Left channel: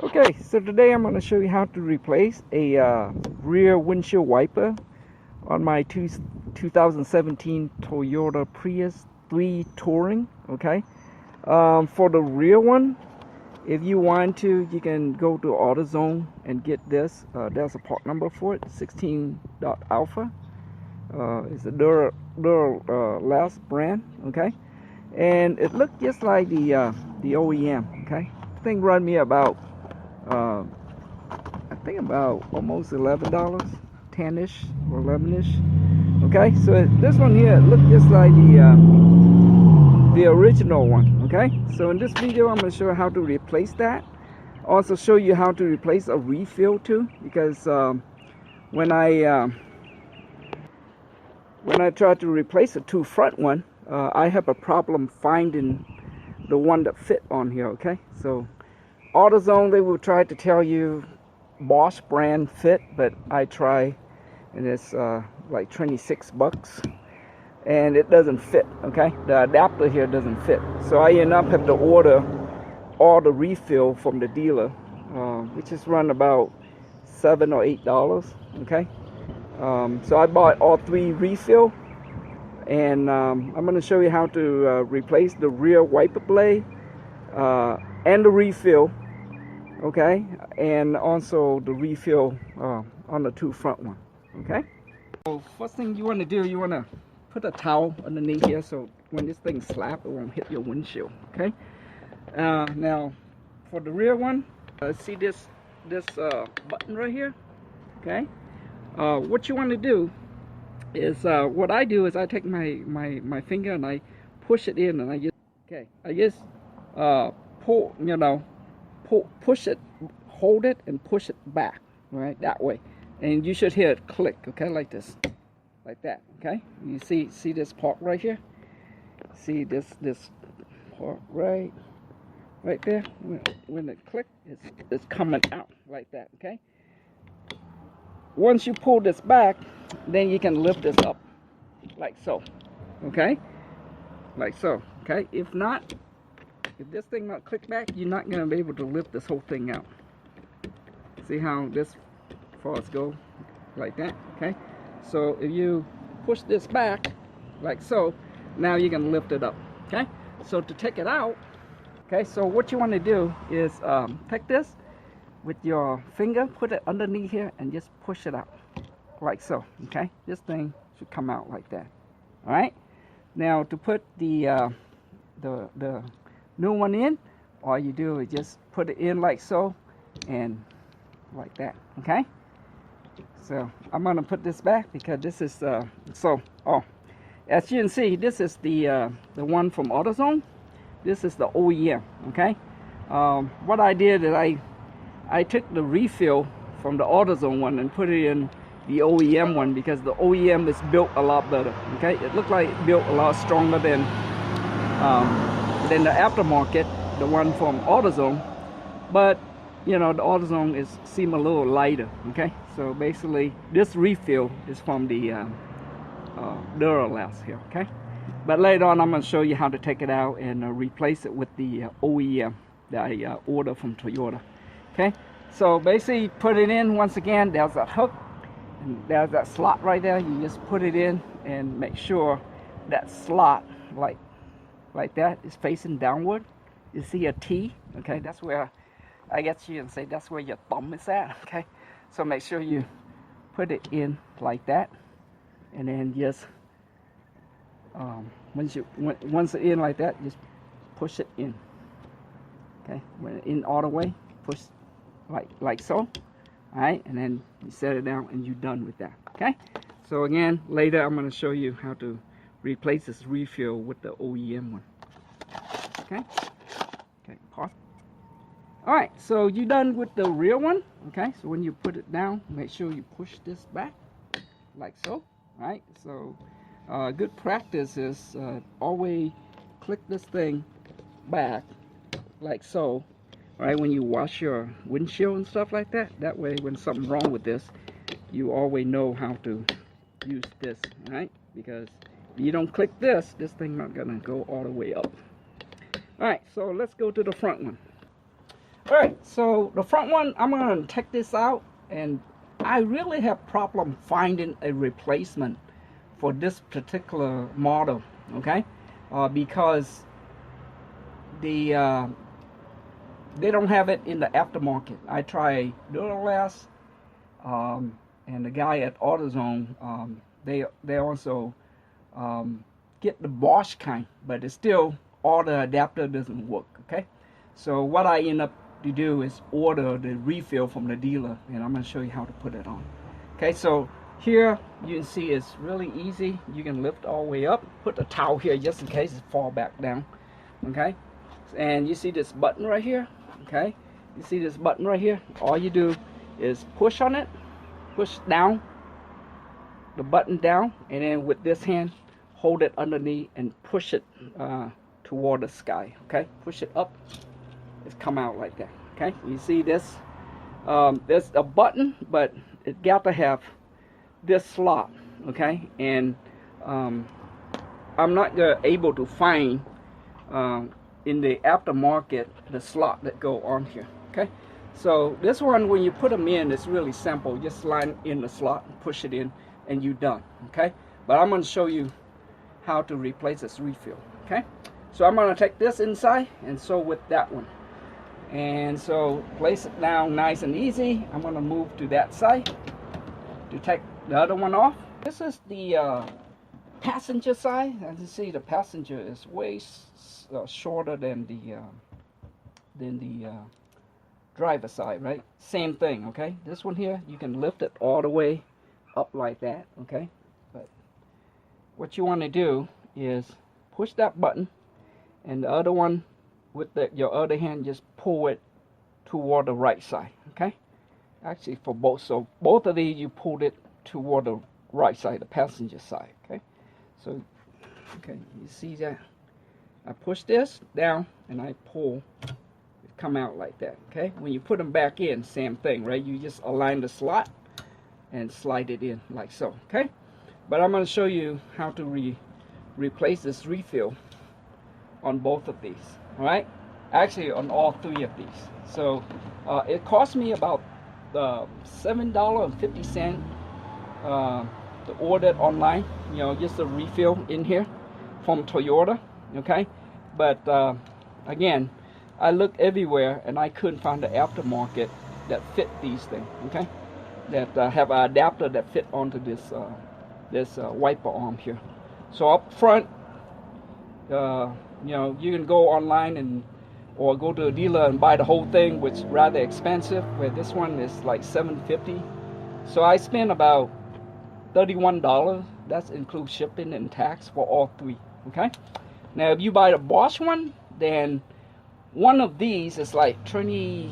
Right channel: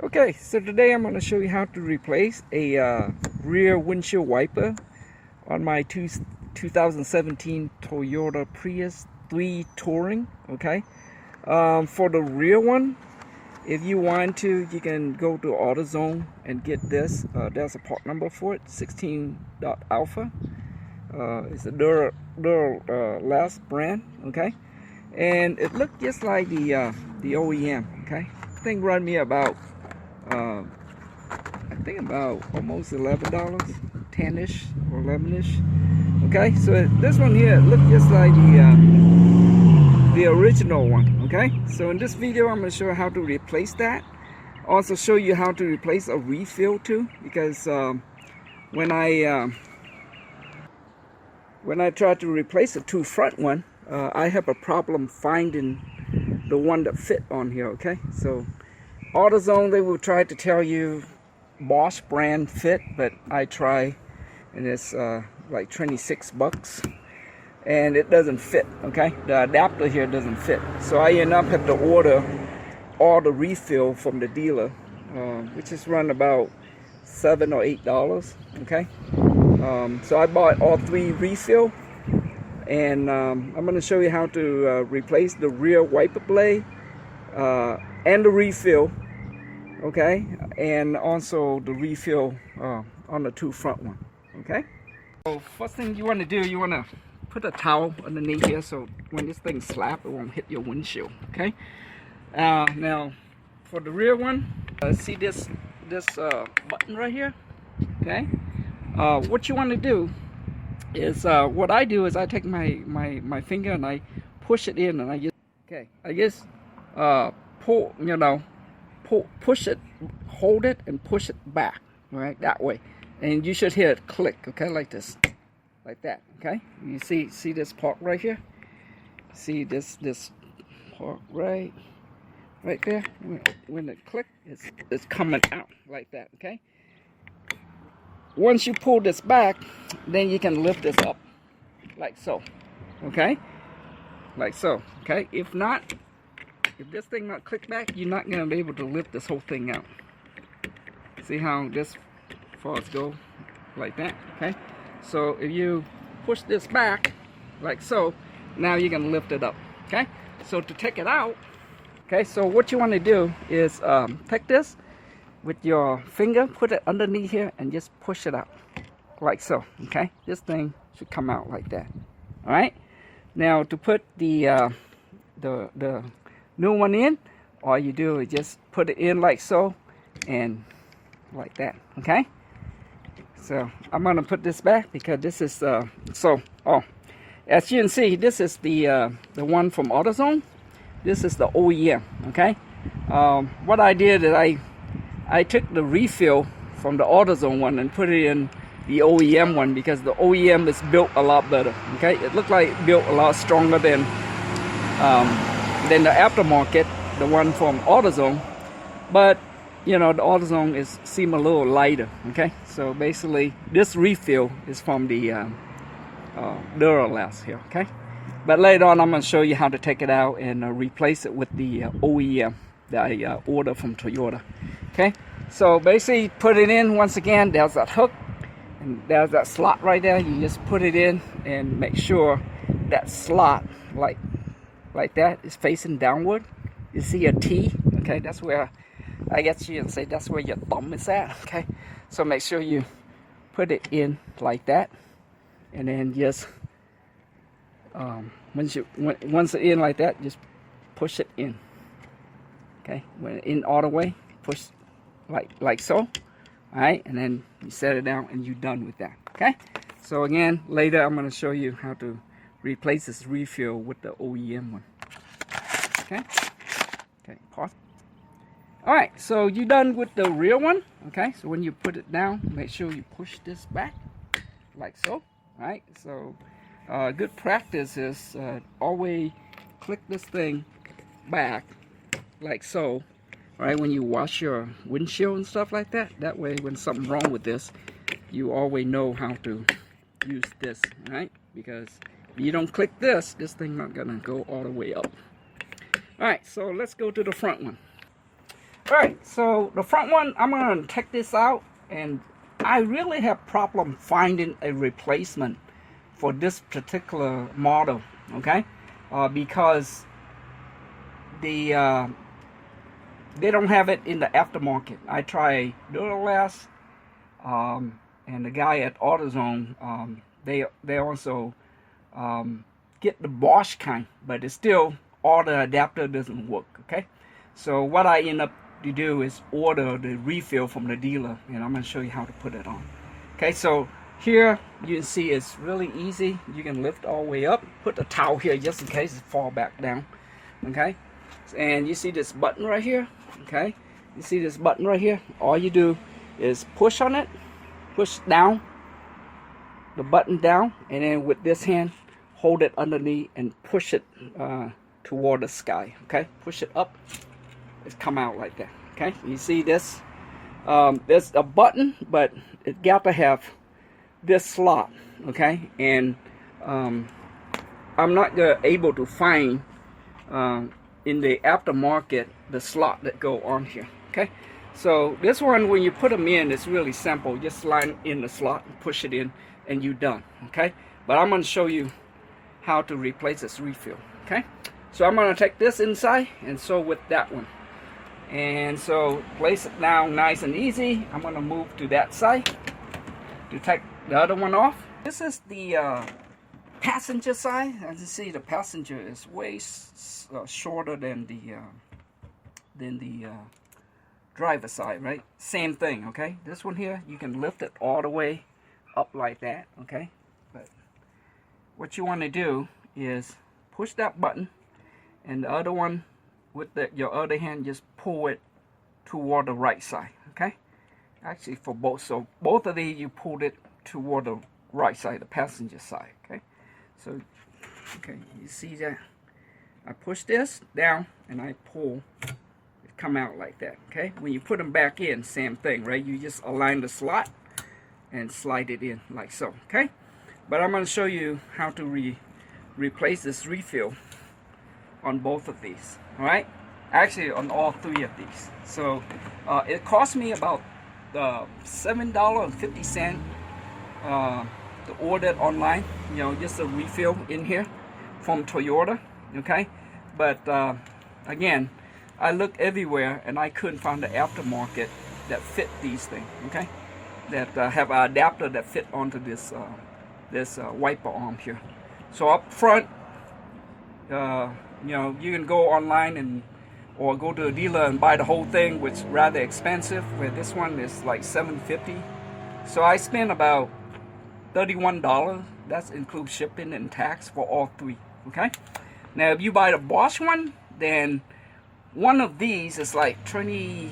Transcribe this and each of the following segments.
Okay, so today I'm going to show you how to replace a rear windshield wiper on my 2017 Toyota Prius 3 Touring. Okay, for the rear one, if you want to, you can go to Autozone and get this. There's a part number for it, 16.alpha. It's a Duralast brand. Okay, and it looked just like the OEM. Okay, the thing run me about I think about almost $11, 10ish or 11ish. Okay, so this one here look just like the original one. Okay, so in this video I'm going to show you how to replace that. Also show you how to replace a refill too, because when I try to replace the two front one, I have a problem finding the one that fit on here. Okay, so AutoZone, they will try to tell you Bosch brand fit, but I try and it's like 26 bucks and it doesn't fit. Okay, the adapter here doesn't fit, so I end up have to order all the refill from the dealer, which is run about $7 or $8. Okay, so I bought all three refill, and I'm going to show you how to replace the rear wiper blade and the refill, okay, and also the refill on the two front one. Okay, so first thing you want to do, you want to put a towel underneath here so when this thing slaps, it won't hit your windshield. Okay, now for the rear one, see this button right here. Okay, what you want to do is what I do is I take my finger and I push it in, and I just pull, push it, hold it, and push it back, right, that way, and you should hear it click. Okay, like this, like that. Okay, you see this part right here, see this part right there. When it clicks, it's coming out like that. Okay, once you pull this back, then you can lift this up like so. Okay, like so. Okay, if this thing not click back, you're not going to be able to lift this whole thing out. See how this falls go like that. Okay, so if you push this back like so, now you can lift it up. Okay, so to take it out, okay, so what you want to do is take this with your finger, put it underneath here, and just push it out like so. Okay, this thing should come out like that. All right, now to put the new one in, all you do is just put it in like so and like that. Okay, so I'm gonna put this back because this is as you can see, this is the one from AutoZone. This is the OEM. Okay, what I did is I took the refill from the AutoZone one and put it in the OEM one, because the OEM is built a lot better. Okay, it looked like it built a lot stronger than the aftermarket, the one from AutoZone, but the AutoZone seem a little lighter. Okay, so basically this refill is from the Duralast here. Okay, but later on I'm going to show you how to take it out and replace it with the OEM that I ordered from Toyota. Okay, so basically put it in. Once again, there's that hook and there's that slot right there. You just put it in and make sure that slot like that is facing downward. You see a T. Okay, that's where, I guess you can say, that's where your thumb is at. Okay, so make sure you put it in like that, and then just once it's in like that, just push it in. Okay, when it's in all the way, push like so. All right, and then you set it down and you're done with that. Okay, so again, later I'm going to show you how to replace this refill with the OEM one. Okay, pause. All right, so you're done with the rear one. Okay, so when you put it down, make sure you push this back like so. All right, so good practice is always click this thing back like so. Right, when you wash your windshield and stuff like that, that way when something's wrong with this, you always know how to use this. Right, because if you don't click this thing not gonna go all the way up. All right, so let's go to the front one. Alright, so the front one, I'm going to take this out, and I really have problem finding a replacement for this particular model, okay? Because they don't have it in the aftermarket. I tried Duralast, and the guy at Autozone, they also get the Bosch kind, but it's still, all the adapter doesn't work, okay? So what I end up to do is order the refill from the dealer, and I'm going to show you how to put it on. Okay, so here you can see it's really easy. You can lift all the way up, put the towel here just in case it fall back down. Okay, and you see this button right here. Okay, you see this button right here. All you do is push on it, push down the button down, and then with this hand hold it underneath and push it toward the sky. Okay, push it up, it's come out like that. Okay, you see this, there's a button, but it got to have this slot. Okay, and I'm not able to find in the aftermarket the slot that go on here. Okay, so this one, when you put them in, it's really simple. Just slide in the slot and push it in, and you're done. Okay, but I'm going to show you how to replace this refill. Okay, so I'm going to take this inside, and so with that one, and so place it down nice and easy. I'm going to move to that side to take the other one off. This is the passenger side. As you see, the passenger is way shorter than the driver side, right? Same thing. Okay, this one here, you can lift it all the way up like that. Okay, but what you want to do is push that button, and the other one with your other hand, just pull it toward the right side. Okay, actually for both, so both of these you pulled it toward the right side, the passenger side. Okay, so okay, you see that I push this down and I pull, it come out like that. Okay, when you put them back in, same thing, right? You just align the slot and slide it in like so. Okay, but I'm going to show you how to replace this refill on both of these. All right, actually on all three of these. So it cost me about $7.50 to order it online, you know, just a refill in here from Toyota. Okay, but again, I looked everywhere and I couldn't find the aftermarket that fit these things. Okay, that have an adapter that fit onto this wiper arm here. So up front, you know, you can go online or go to a dealer and buy the whole thing, which is rather expensive, where this one is like $7.50. So I spent about $31. That includes shipping and tax for all three. Okay, now if you buy the Bosch one, then one of these is like 20.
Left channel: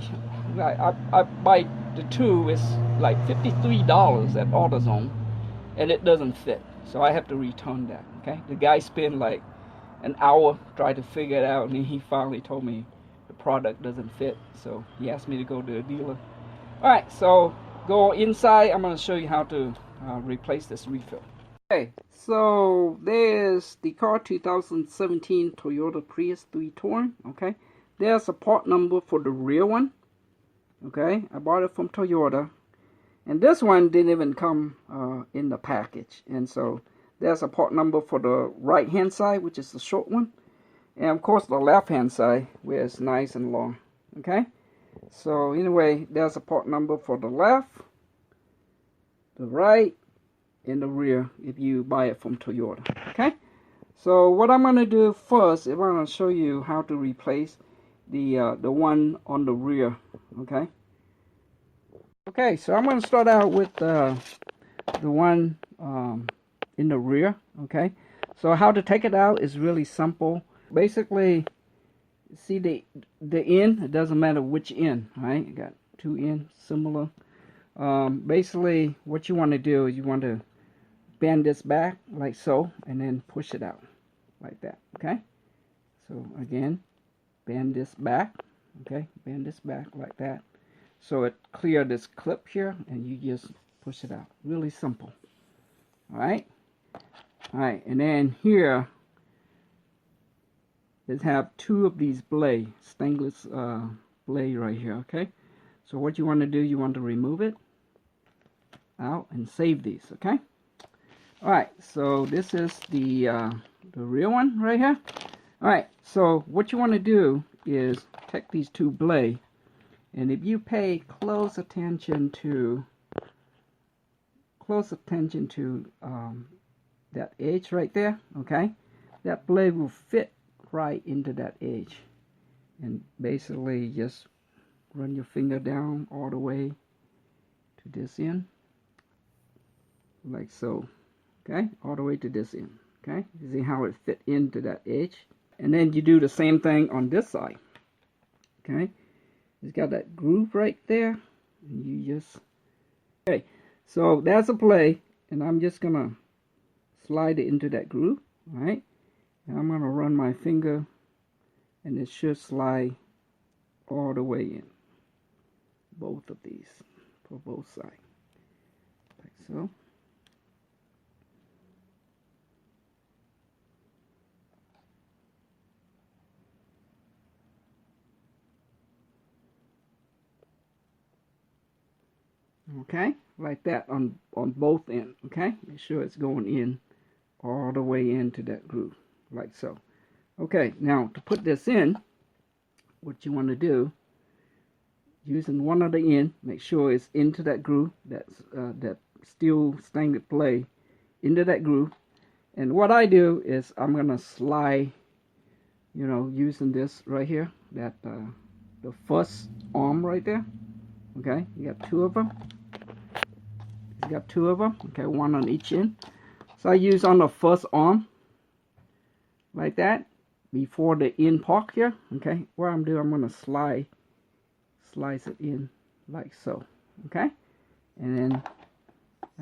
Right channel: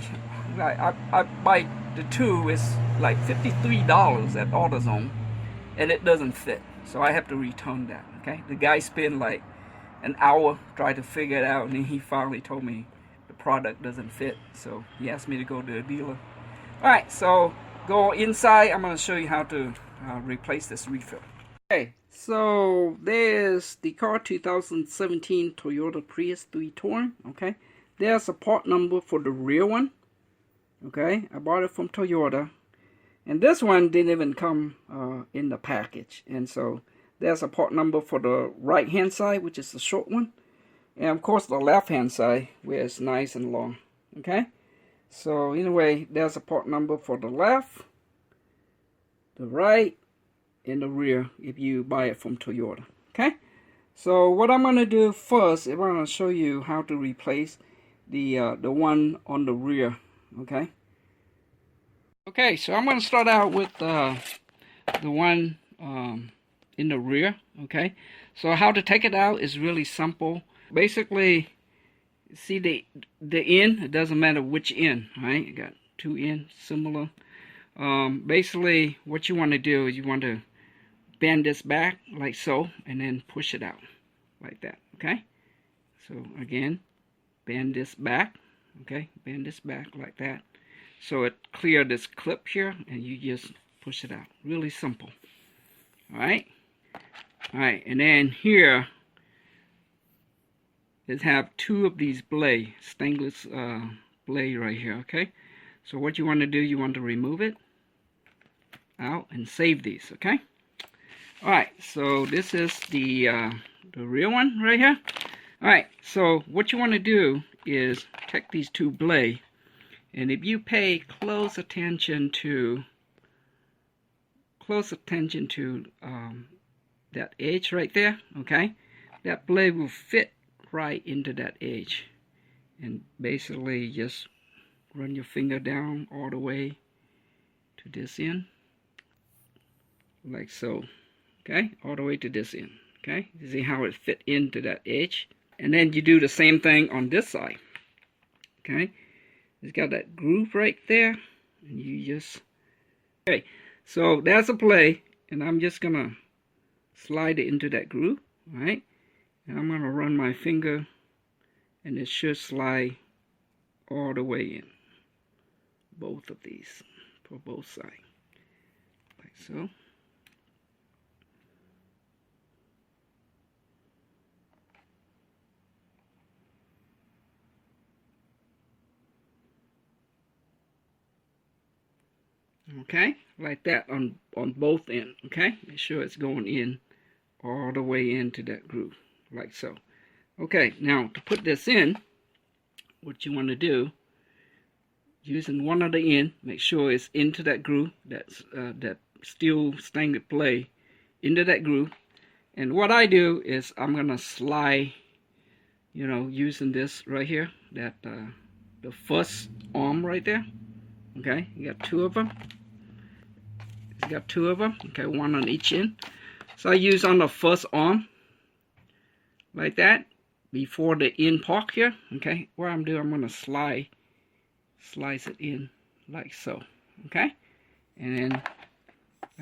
I buy the two, is like $53 at AutoZone, and it doesn't fit, so I have to return that. Okay, the guy spent like an hour trying to figure it out, and then he finally told me the product doesn't fit, so he asked me to go to a dealer. All right, so go inside. I'm going to show you how to replace this refill. Okay, so there's the car, 2017 Toyota Prius 3 Touring. Okay, there's a part number for the rear one. Okay, I bought it from Toyota, and this one didn't even come in the package, and so there's a part number for the right hand side, which is the short one, and of course the left hand side, where it's nice and long. Okay, so anyway, there's a part number for the left, the right, and the rear if you buy it from Toyota. Okay, so what I'm going to do first is I'm going to show you how to replace the one on the rear. Okay, so I'm going to start out with the one in the rear. Okay, so how to take it out is really simple. Basically, see the end, it doesn't matter which end, right? You got two ends similar. Basically what you want to do is you want to bend this back like so, and then push it out like that. Okay, so again, bend this back. Okay, bend this back like that, so it clear this clip here, and you just push it out. Really simple. All right, and then here it have two of these blades, stainless blade right here, okay? So what you want to do, you want to remove it out and save these, okay? All right, so this is the real one right here. All right, so what you want to do is take these two blades, and if you pay close attention to that edge right there, okay, that blade will fit right into that edge, and basically just run your finger down all the way to this end, like so, okay, all the way to this end, okay. You see how it fit into that edge, and then you do the same thing on this side, okay. It's got that groove right there, and you just, okay, so that's a play, and I'm just gonna slide it into that groove, all right, and I'm gonna run my finger, and it should slide all the way in, both of these, for both sides, like so. Okay, like that on both ends, okay? Make sure it's going in all the way into that groove, like so. Okay, now to put this in, what you want to do, using one of the end, make sure it's into that groove, that steel stainless plate into that groove. And what I do is I'm gonna slide, you know, using this right here, that the first arm right there. Okay, you got two of them. You got two of them. Okay, one on each end. So I use on the first arm, like that, before the end part here. Okay, what I'm doing, I'm gonna slice it in like so. Okay, and then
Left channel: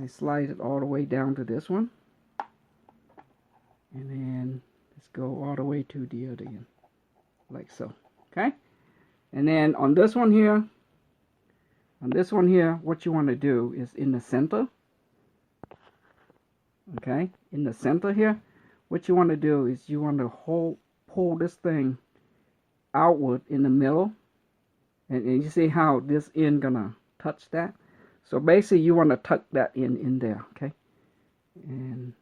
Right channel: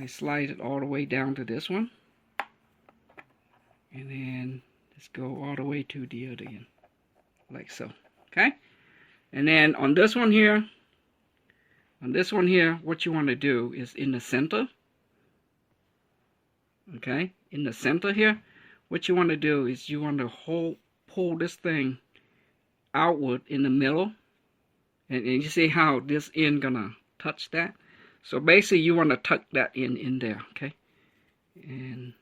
I slide it all the way down to this one, and then let's go all the way to the other end, like so. Okay, and then on this one here. On this one here, what you want to do is in the center, okay, in the center here, what you want to do is you want to pull this thing outward in the middle, and you see how this end gonna touch that. So basically you want to tuck that in there, okay, and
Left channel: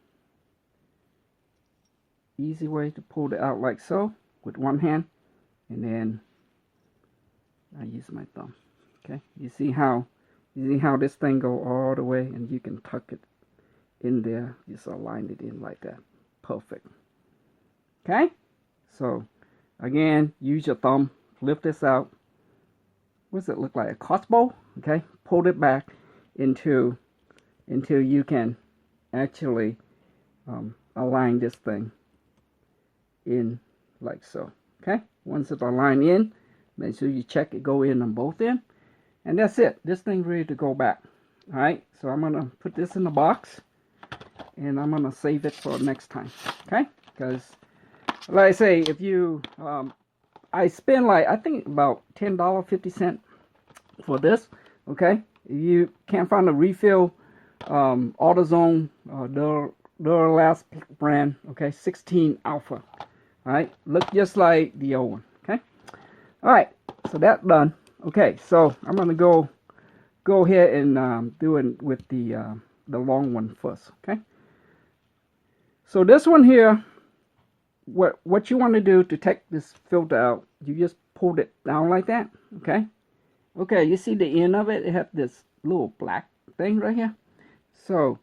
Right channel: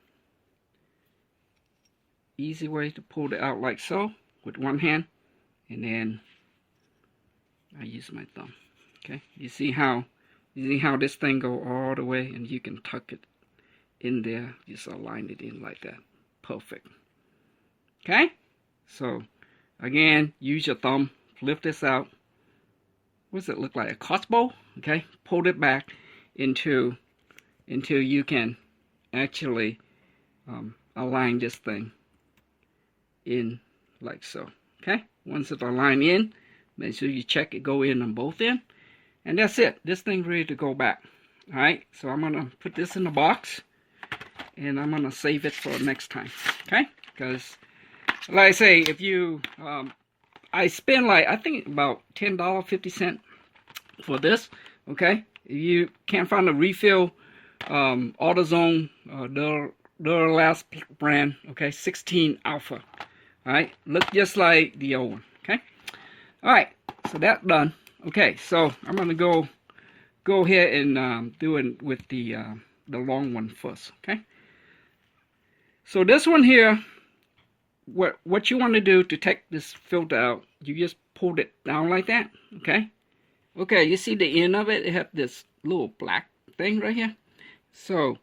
easy way to pull it out like so with one hand, and then I use my thumb. Okay, you see how this thing go all the way, and you can tuck it in there, just align it in like that. Perfect. Okay, so again, use your thumb, lift this out. What does it look like? A crossbow? Okay, pull it back until you can actually align this thing in like so. Okay, once it's aligned in, make sure you check it go in on both ends. And that's it. This thing's ready to go back. Alright, so I'm going to put this in the box, and I'm going to save it for next time. Okay? Because, like I say, if you, I spend like, I think about $10.50 for this. Okay? If you can't find a refill, Autozone Duralast brand. Okay? 16 Alpha. Alright? Look just like the old one. Okay? Alright, so that's done. Okay, so I'm gonna go ahead and do it with the long one first. Okay. So this one here, what you want to do to take this filter out, you just pull it down like that. Okay. Okay, you see the end of it? It has this little black thing right here. So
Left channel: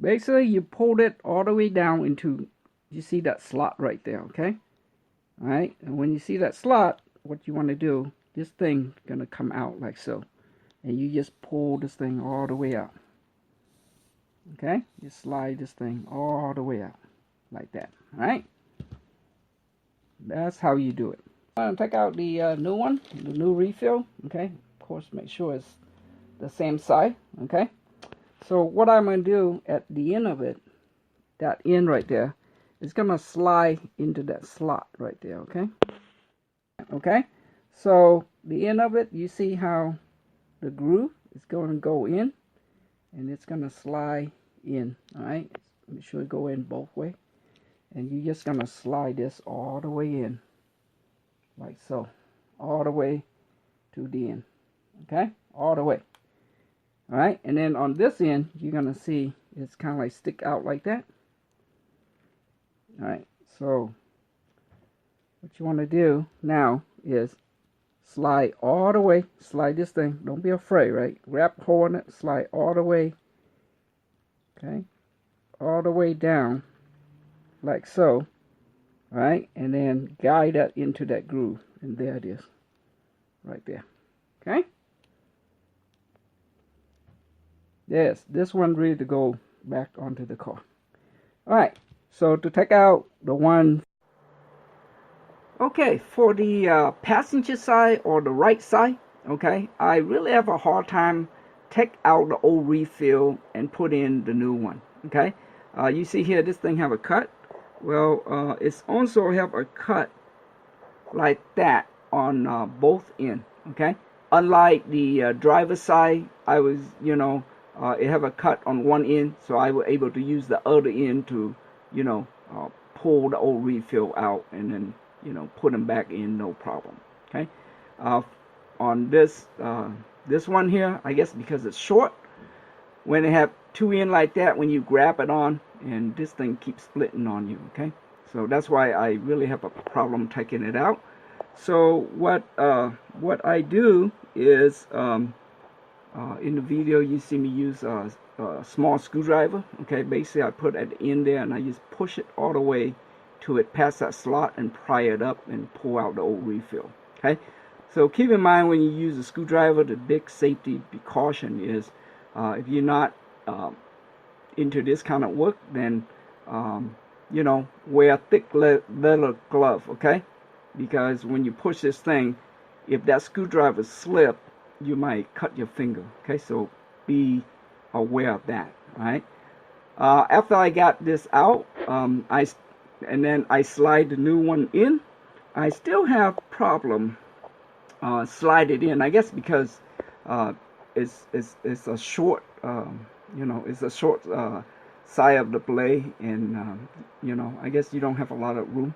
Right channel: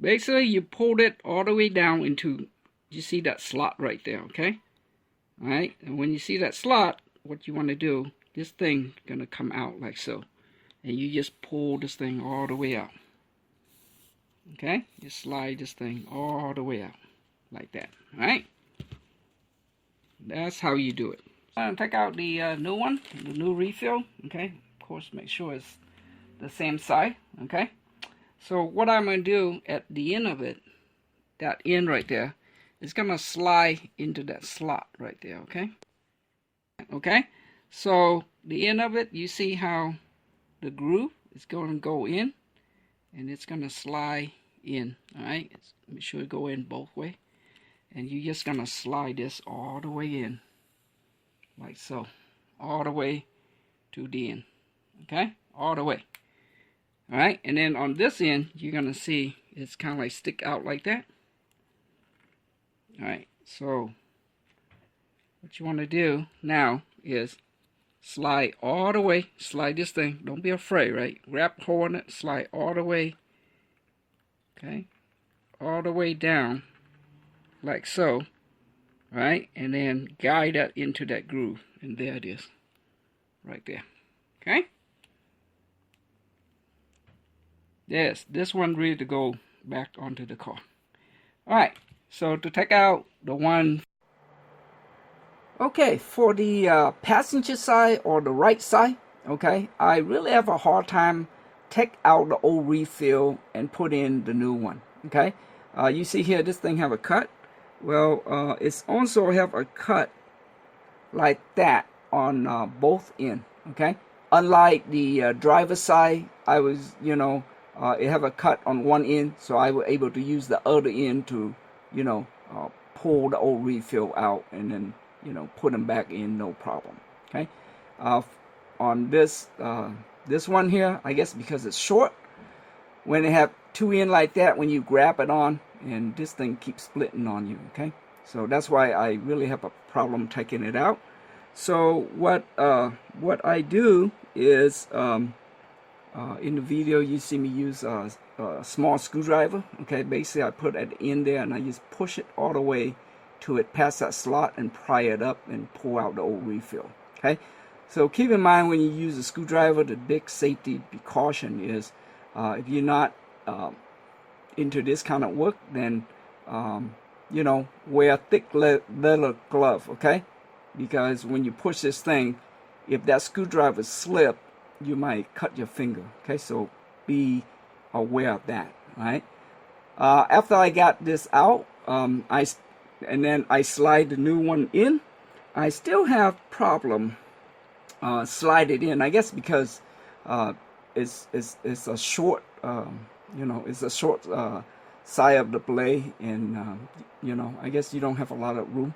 basically, you pulled it all the way down into, you see that slot right there. Okay. All right, and when you see that slot, what you want to do, this thing gonna come out like so, and you just pull this thing all the way out. Okay, you slide this thing all the way out like that. All right, that's how you do it. I'm gonna take out the new one, the new refill. Okay, of course, make sure it's the same size. Okay, so what I'm gonna do at the end of it, that end right there, is gonna slide into that slot right there. Okay. Okay. So the end of it, you see how the groove is going to go in, and it's going to slide in. All right, make sure it go in both way, and you're just going to slide this all the way in, like so, all the way to the end. Okay, all the way. All right, and then on this end, you're gonna see it's kind of like stick out like that. All right, so what you want to do now is slide all the way. Slide this thing. Don't be afraid, right? Grab hold on it. Slide all the way. Okay, all the way down, like so. All right, and then guide that into that groove, and there it is, right there. Okay. Yes, this one ready to go back onto the car. All right, so to take out the one, okay, for the passenger side or the right side, okay, I really have a hard time take out the old refill and put in the new one. Okay, you see here, this thing have a cut. Well, it's also have a cut like that on both ends. Okay, unlike the driver's side, I was, it have a cut on one end, so I was able to use the other end to, pull the old refill out and then, put them back in, no problem. Okay, on this one here, I guess because it's short, when they have two ends like that, when you grab it on, and this thing keeps splitting on you. Okay, so that's why I really have a problem taking it out. So what I do is, in the video you see me use a small screwdriver. Okay, basically I put at the end there and I just push it all the way to it past that slot and pry it up and pull out the old refill. Okay, so keep in mind when you use a screwdriver, the big safety precaution is if you're not into this kind of work, then wear a thick leather glove. Okay, because when you push this thing, if that screwdriver slip, you might cut your finger. Okay, so be aware of that. Right, after I got this out, and then I slide the new one in. I still have problem slide it in, I guess because it's a short it's a short side of the blade, and I guess you don't have a lot of room.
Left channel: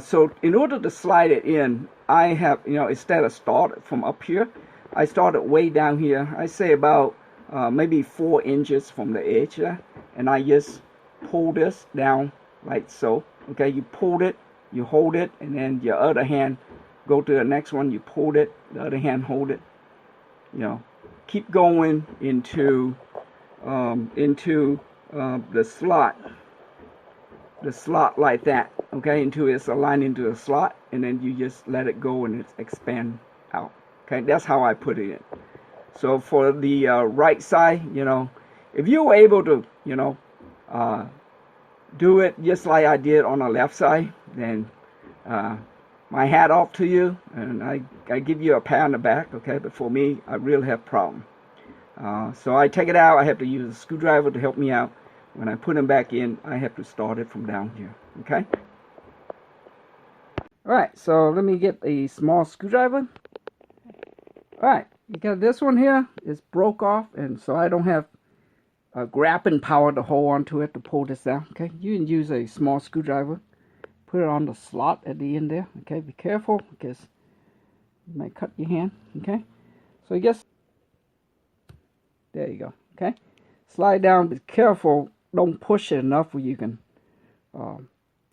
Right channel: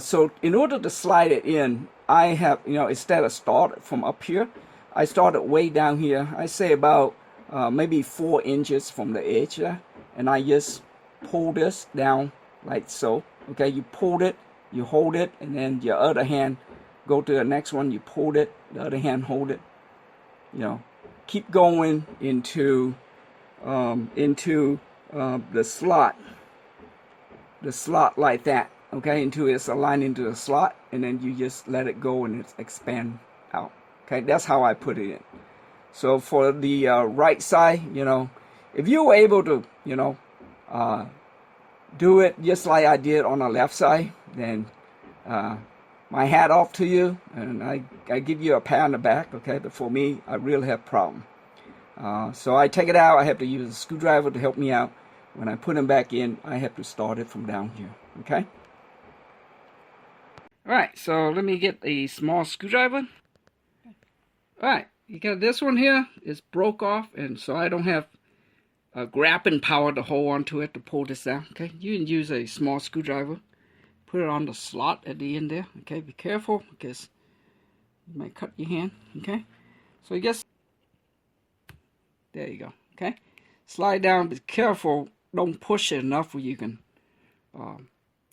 So in order to slide it in, I have, instead of start from up here, I started way down here. I say about maybe 4 inches from the edge there, and I just pull this down like so. Okay, you pulled it, you hold it, and then your other hand go to the next one, you pulled it, the other hand hold it. Keep going into the slot like that. Okay, until it's aligned into the slot, and then you just let it go and it expand out. Okay, that's how I put it in. So for the right side, if you were able to, do it just like I did on the left side, then my hat off to you, and I give you a pat on the back. Okay, but for me, I really have a problem. So I take it out. I have to use a screwdriver to help me out. When I put them back in, I have to start it from down here. Okay. Alright, so let me get a small screwdriver. Alright, you got this one here. It's broke off, and so I don't have a grabbing power to hold onto it to pull this down. Okay, you can use a small screwdriver. Put it on the slot at the end there. Okay, be careful because you might cut your hand. Okay, so I guess there you go. Okay, slide down. Be careful. Don't push it enough where you can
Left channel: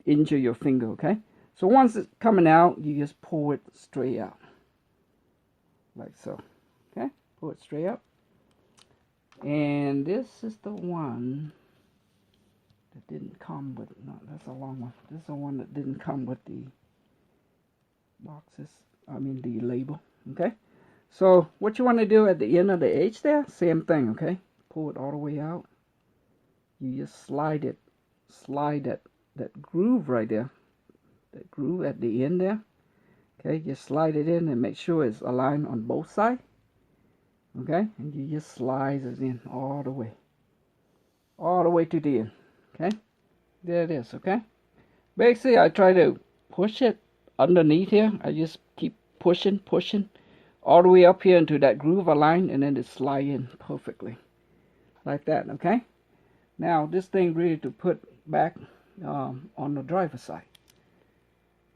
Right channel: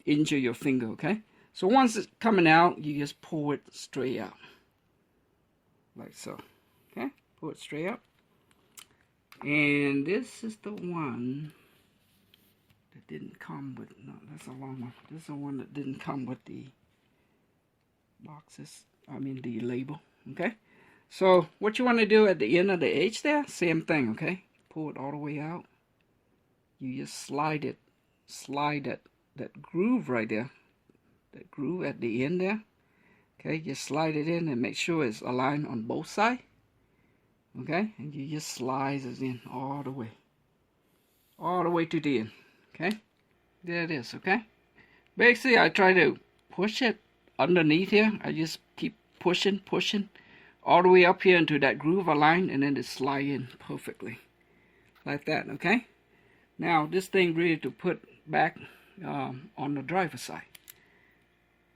injure your finger. Okay. So once it's coming out, you just pull it straight out, like so. Okay, pull it straight up. And this is the one that didn't come with, no, that's a long one. This is the one that didn't come with the boxes, the label. Okay, so what you want to do at the end of the edge there, same thing. Okay, pull it all the way out. You just slide that groove right there. That groove at the end there. Okay, just slide it in and make sure it's aligned on both sides. Okay, and you just slide it in all the way to the end. Okay, there it is. Okay, basically I try to push it underneath here. I just keep pushing all the way up here into that groove aligned, and then it slide in perfectly like that. Okay, now this thing ready to put back on the driver's side.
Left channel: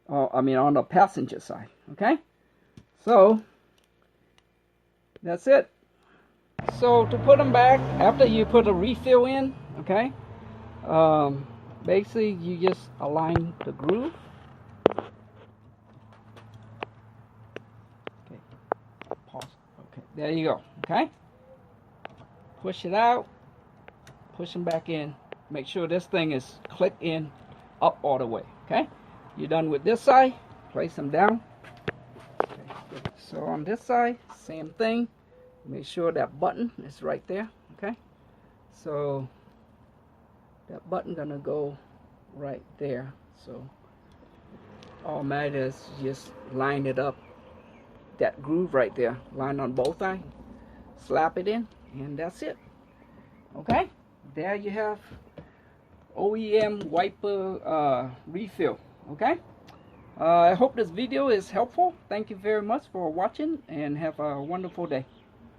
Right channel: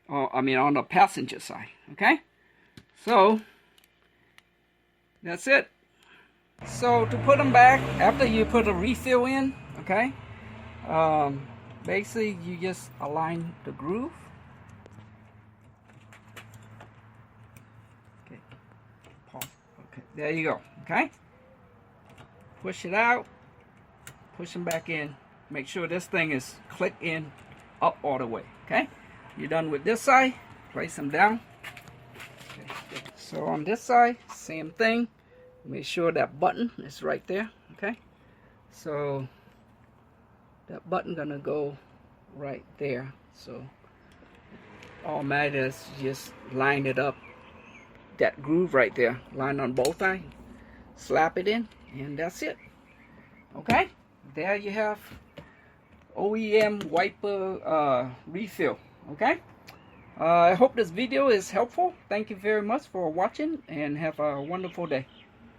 On the passenger side. Okay, so That's it. So to put them back, after you put a refill in, okay, basically you just align the groove. Okay, pause. Okay, there you go. Okay, push it out, push them back in. Make sure this thing is clicked in up all the way. Okay, you're done with this side. Place them down. Okay. So on this side, same thing. Make sure that button is right there. Okay, so that button gonna go right there. So all matters is just line it up, that groove right there, line on both sides, slap it in, and that's it. Okay, there you have OEM wiper refill. Okay, I hope this video is helpful. Thank you very much for watching, and have a wonderful day.